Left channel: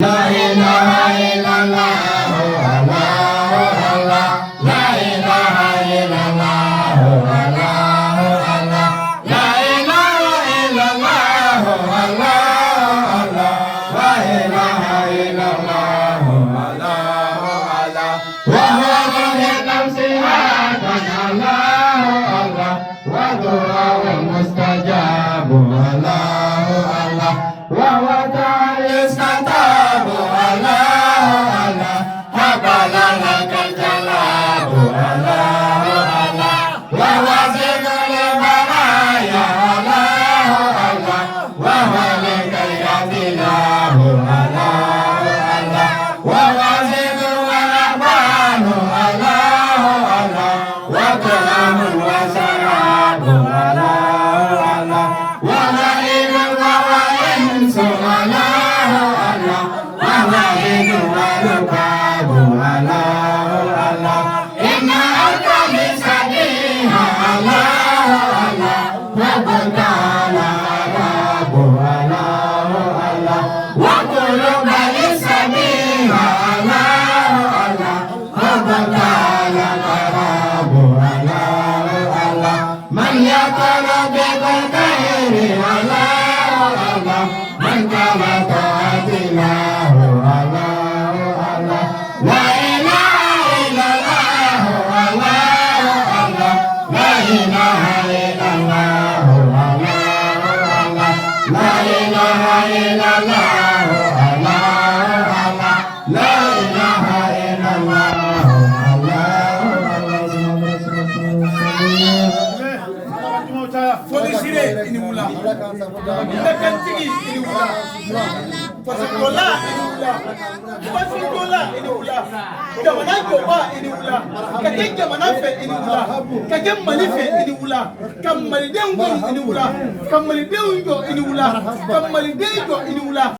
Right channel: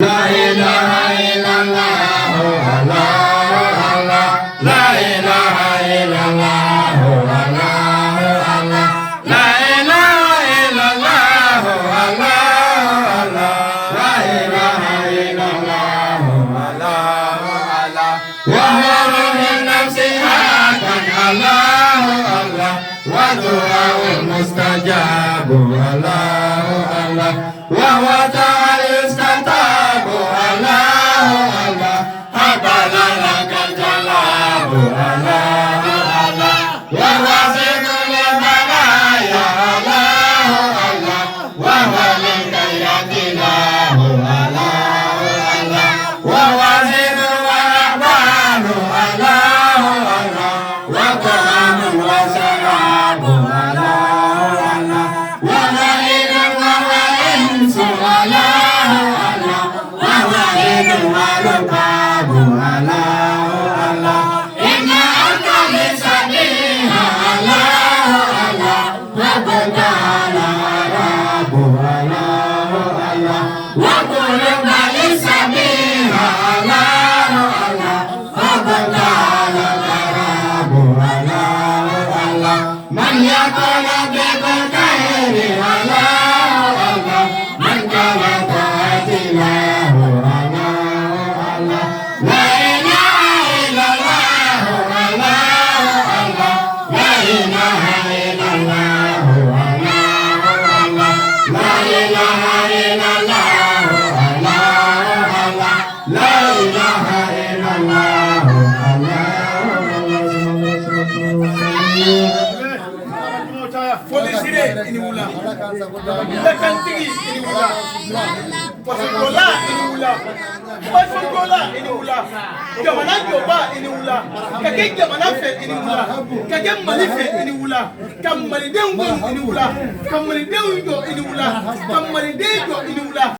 La ilaha illallah, Allah, Allah. La ilaha illallah, Allah, Allah. La ilaha illallah, Allah, Allah. La ilaha illallah, Allah, Allah. Wa huwa min nafsiha kan Allah, Allah. Wa du'aul mustajab, Allah, Allah. Wa huwa